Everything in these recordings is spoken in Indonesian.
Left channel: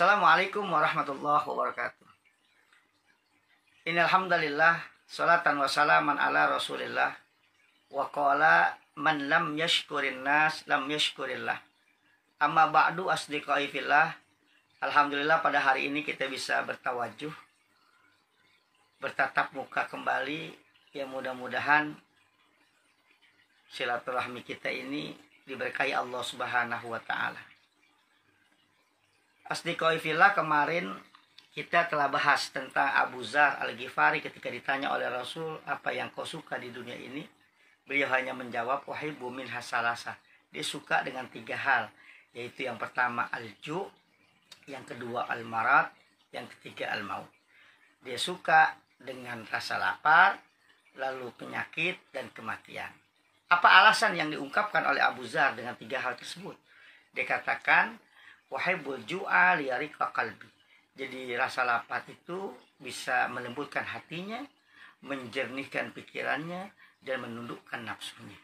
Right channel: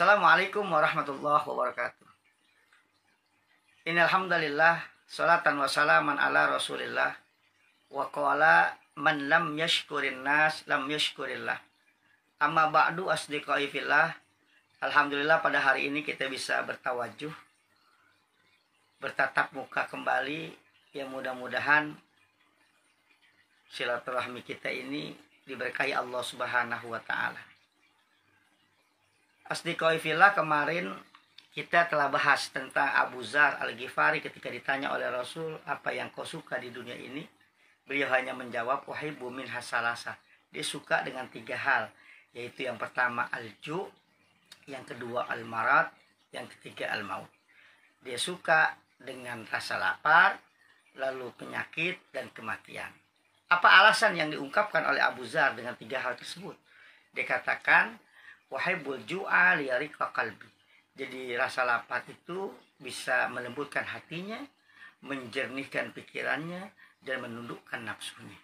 Assalamualaikum warahmatullahi wabarakatuh. Innal hamdalillah salatan wa salaman ala Rasulillah wa qala man lam yashkurin nas lam yashkurillah. Amma ba'du asdiqai fillah. Alhamdulillah pada hari ini kita bisa bertawajuh, bertatap muka kembali. Ya mudah-mudahan silaturahmi kita ini diberkahi Allah Subhanahu wa taala. Asdiqai fillah, kemarin kita telah bahas tentang Abu Dzar Al-Ghifari ketika ditanya oleh Rasul, apa yang kau suka di dunia ini? Beliau hanya menjawab, uhibbu minha salasah. Dia suka dengan 3 hal, yaitu yang pertama al-ju', yang kedua al-marad, yang ketiga al-maut. Dia suka dengan rasa lapar, lalu penyakit dan kematian. Apa alasan yang diungkapkan oleh Abu Dzar dengan 3 hal tersebut? Dia katakan, wahibbul ju'a liyariqa qalbi. Jadi rasa lapar itu bisa melembutkan hatinya, menjernihkan pikirannya, dan menundukkan nafsunya.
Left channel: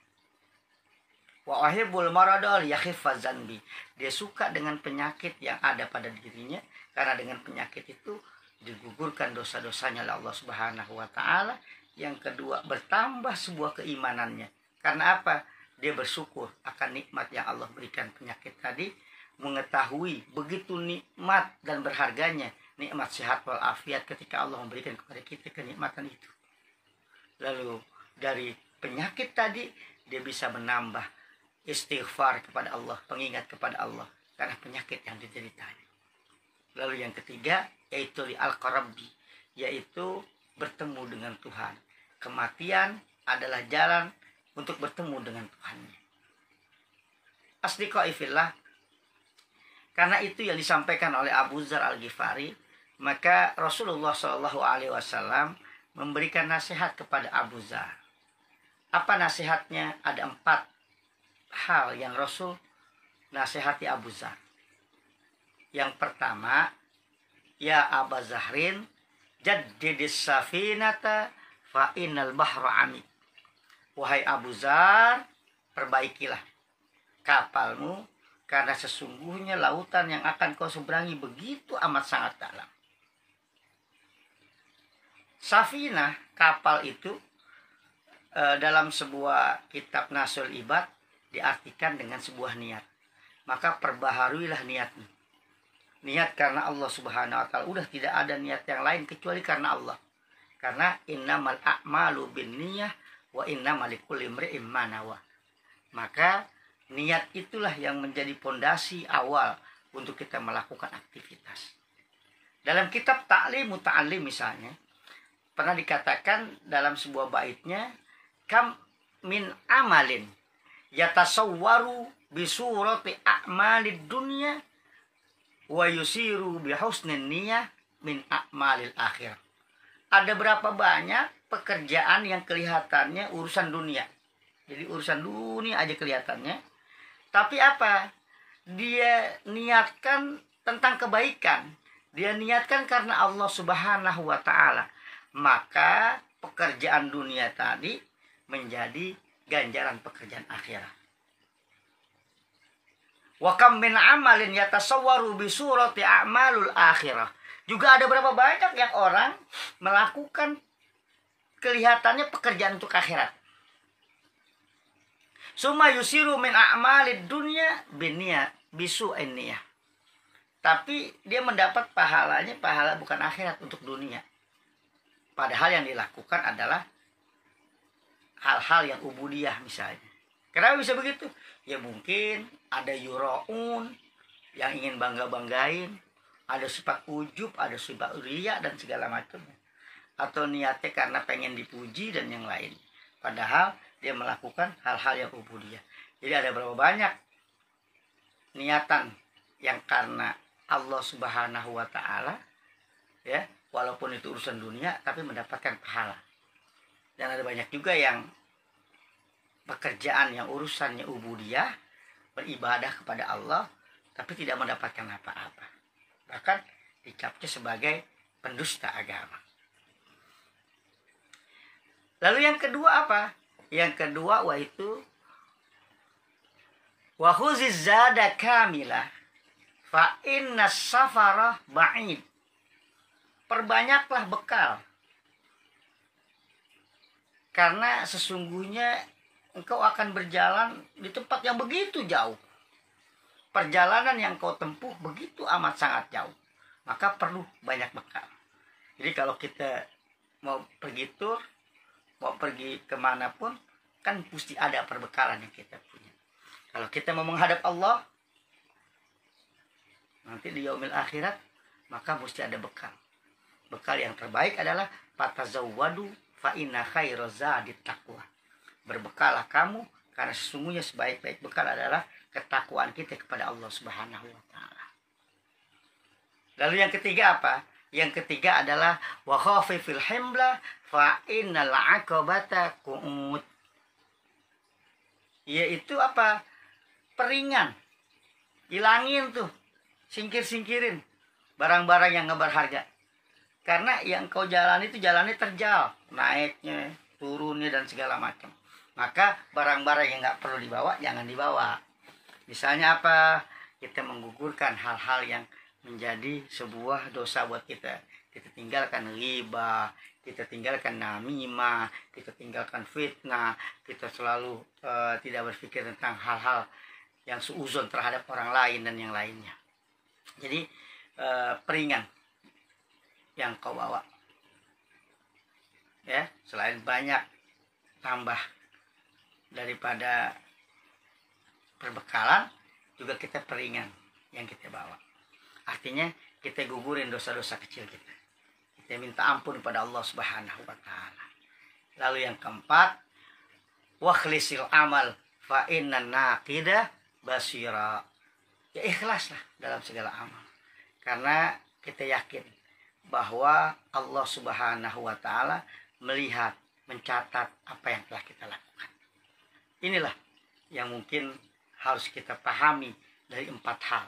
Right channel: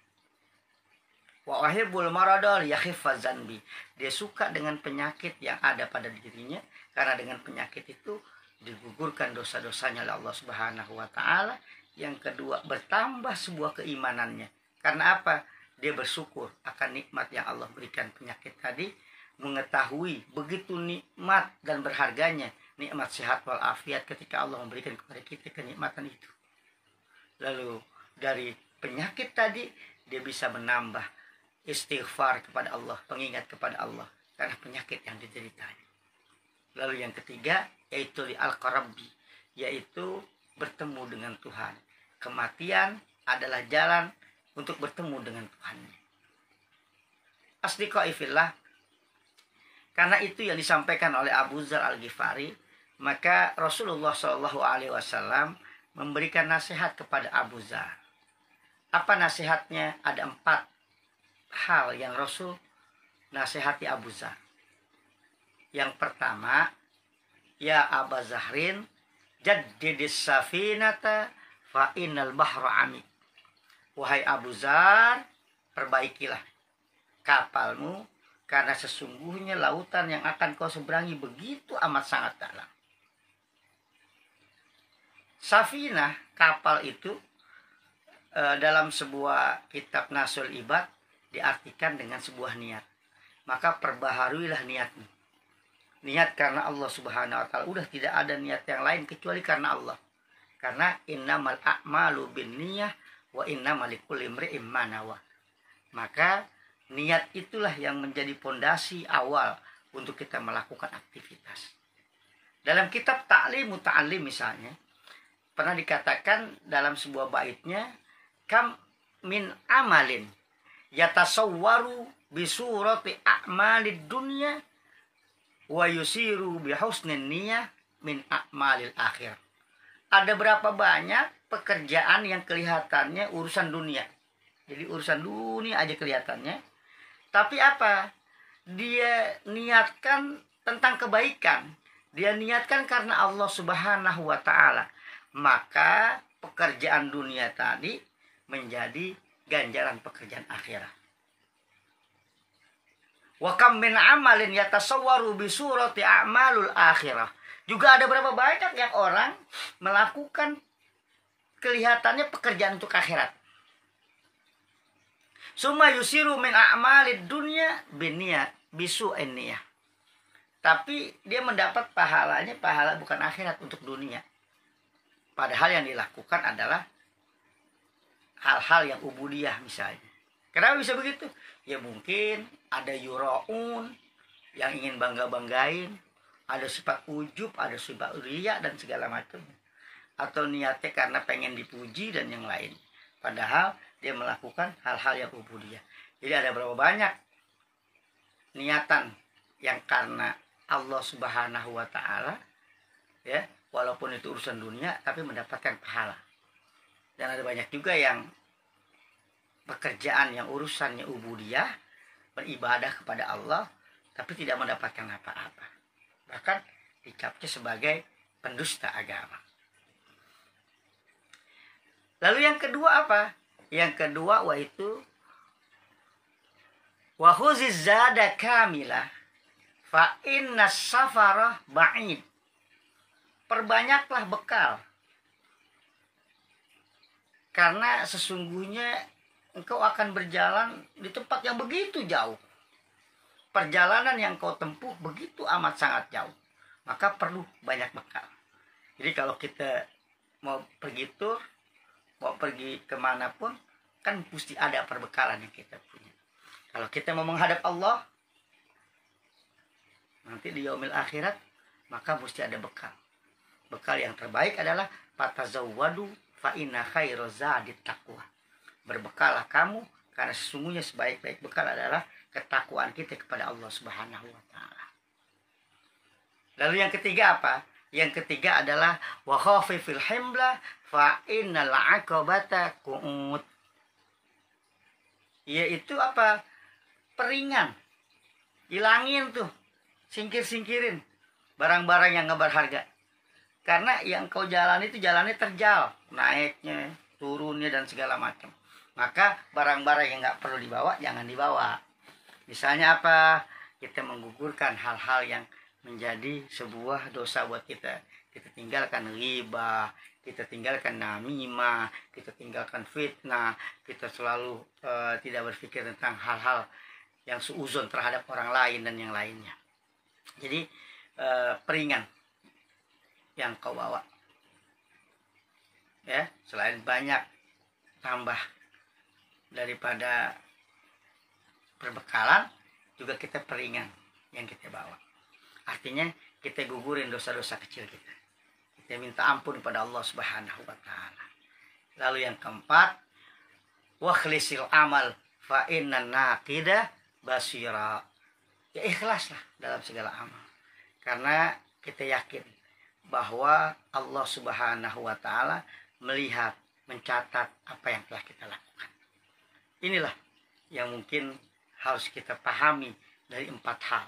Wa wahibbul marada liyakhiffa zanbi. Dia suka dengan penyakit yang ada pada dirinya, karena dengan penyakit itu digugurkan dosa-dosanya oleh Allah Subhanahu wa taala. Yang kedua, bertambah sebuah keimanannya. Karena apa? Dia bersyukur akan nikmat yang Allah berikan penyakit tadi, mengetahui begitu nikmat dan berharganya nikmat sehat walafiat ketika Allah memberikan kepada kita kenikmatan itu. Lalu dari penyakit tadi dia bisa menambah istighfar kepada Allah, pengingat kepada Allah karena penyakit yang dideritanya. Lalu yang ketiga yaitu al-qarabbi, yaitu bertemu dengan Tuhan. Kematian adalah jalan untuk bertemu dengan Tuhannya. Asdiqai fillah, karena itu yang disampaikan oleh Abu Dzar Al-Ghifari, maka Rasulullah SAW memberikan nasihat kepada Abu Dzar. Apa nasihatnya? Ada 4 hal yang Rasul nasihati Abu Dzar. Yang pertama, ya Aba Zahrin, jaddidis safinata fa innal bahra amik. Wahai Abu Dzar, perbaikilah kapalmu, karena sesungguhnya lautan yang akan kau seberangi begitu amat sangat dalam. Safinah, kapal itu, dalam sebuah kitab Nasul Ibad diartikan dengan sebuah niat. Maka perbaharuilah niatmu. Niat karena Allah Subhanahu wa taala. Udah tidak ada niat yang lain kecuali karena Allah. Karena innamal a'malu binniyah wa innamal likulli imri'in ma nawa. Maka niat itulah yang menjadi pondasi awal untuk kita melakukan aktivitas. Dalam kitab Ta'lim Muta'allim misalnya, pernah dikatakan dalam sebuah baitnya, kam min amalin yatasawwaru bisurati a'malid dunya wa yusiru bihusnin niyah min a'malil akhir. Ada berapa banyak pekerjaan yang kelihatannya urusan dunia. Jadi urusan dunia aja kelihatannya. Tapi apa? Dia niatkan tentang kebaikan. Dia niatkan karena Allah Subhanahu wa taala. Maka pekerjaan dunia tadi menjadi ganjaran pekerjaan akhirat. Wa kam min amalin yatasawwaru bi surati a'malul akhirah. Juga ada berapa banyak yang orang melakukan kelihatannya pekerjaan untuk akhirat. Summa yusiru min a'malid dunya binniyah bisu'in niyah. Tapi dia mendapat pahalanya, pahala bukan akhirat, untuk dunia. Padahal yang dilakukan adalah hal-hal yang ubudiyah misalnya. Kenapa bisa begitu? Ya mungkin ada yura'un yang ingin bangga-banggain, ada sifat ujub, ada sifat riya dan segala macam. Atau niatnya karena pengen dipuji dan yang lain. Padahal dia melakukan hal-hal yang ubudiyah. Jadi ada berapa banyak niatan yang karena Allah Subhanahu wa taala, ya, walaupun itu urusan dunia tapi mendapatkan pahala. Dan ada banyak juga yang pekerjaan yang urusannya ubudiyah, beribadah kepada Allah tapi tidak mendapatkan apa-apa. Bahkan dicapnya sebagai pendusta agama. Lalu yang kedua apa? Yang kedua waitu wa khuziz zada kamilah fa inna safara ba'id. Perbanyaklah bekal. Karena sesungguhnya engkau akan berjalan di tempat yang begitu jauh. Perjalanan yang kau tempuh begitu amat sangat jauh. Maka perlu banyak bekal. Jadi kalau kita mau pergi tur, mau pergi kemanapun, kan mesti ada perbekalan yang kita punya. Kalau kita mau menghadap Allah, nanti di yaumil akhirat, maka mesti ada bekal. Bekal yang terbaik adalah fatazawwadu fa inna khairaz zadit taqwa. Berbekalah kamu karena sesungguhnya sebaik-baik bekal adalah ketakwaan kita kepada Allah Subhanahu wa taala. Lalu yang ketiga apa? Yang ketiga adalah wa khafifil himla fa innal aqabata qu'ud. Yaitu apa? Peringan. Hilangin tuh. Singkir-singkirin barang-barang yang nggak berharga. Karena yang kau jalani itu jalannya terjal, naiknya, turunnya dan segala macam. Maka barang-barang yang nggak perlu dibawa jangan dibawa. Misalnya apa? Kita menggugurkan hal-hal yang menjadi sebuah dosa buat kita. Kita tinggalkan riba, kita tinggalkan namimah, kita tinggalkan fitnah, kita selalu tidak berpikir tentang hal-hal yang suuzon terhadap orang lain dan yang lainnya. Jadi peringan yang kau bawa, ya, selain banyak tambah daripada perbekalan, juga kita peringan yang kita bawa. Artinya kita gugurin dosa-dosa kecil kita. Kita minta ampun kepada Allah Subhanahu wa taala. Lalu yang keempat, wakhlisil amal fa inna naqida basira. Ya ikhlaslah dalam segala amal. Karena kita yakin bahwa Allah Subhanahu wa taala melihat, mencatat apa yang telah kita lakukan. Inilah yang mungkin harus kita pahami dari 4 hal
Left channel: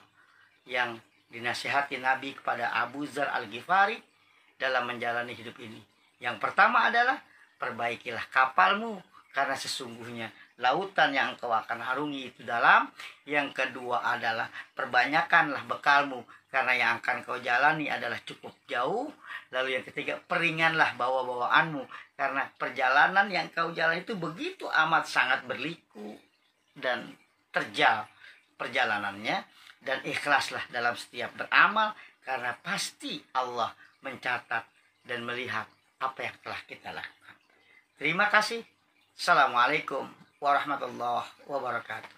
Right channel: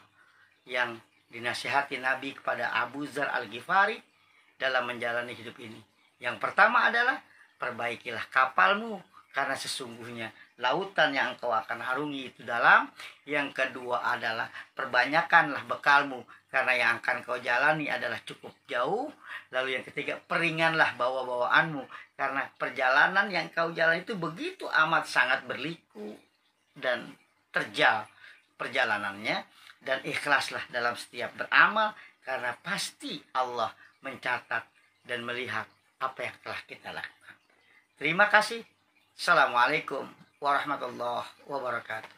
yang dinasihati Nabi kepada Abu Dzar Al-Ghifari dalam menjalani hidup ini. Yang pertama adalah perbaikilah kapalmu karena sesungguhnya lautan yang engkau akan arungi itu dalam. Yang kedua adalah perbanyakanlah bekalmu karena yang akan kau jalani adalah cukup jauh. Lalu yang ketiga, peringanlah bawa-bawaanmu karena perjalanan yang kau jalani itu begitu amat sangat berliku dan terjal perjalanannya. Dan ikhlaslah dalam setiap beramal karena pasti Allah mencatat dan melihat apa yang telah kita lakukan. Terima kasih. Assalamualaikum warahmatullahi wabarakatuh.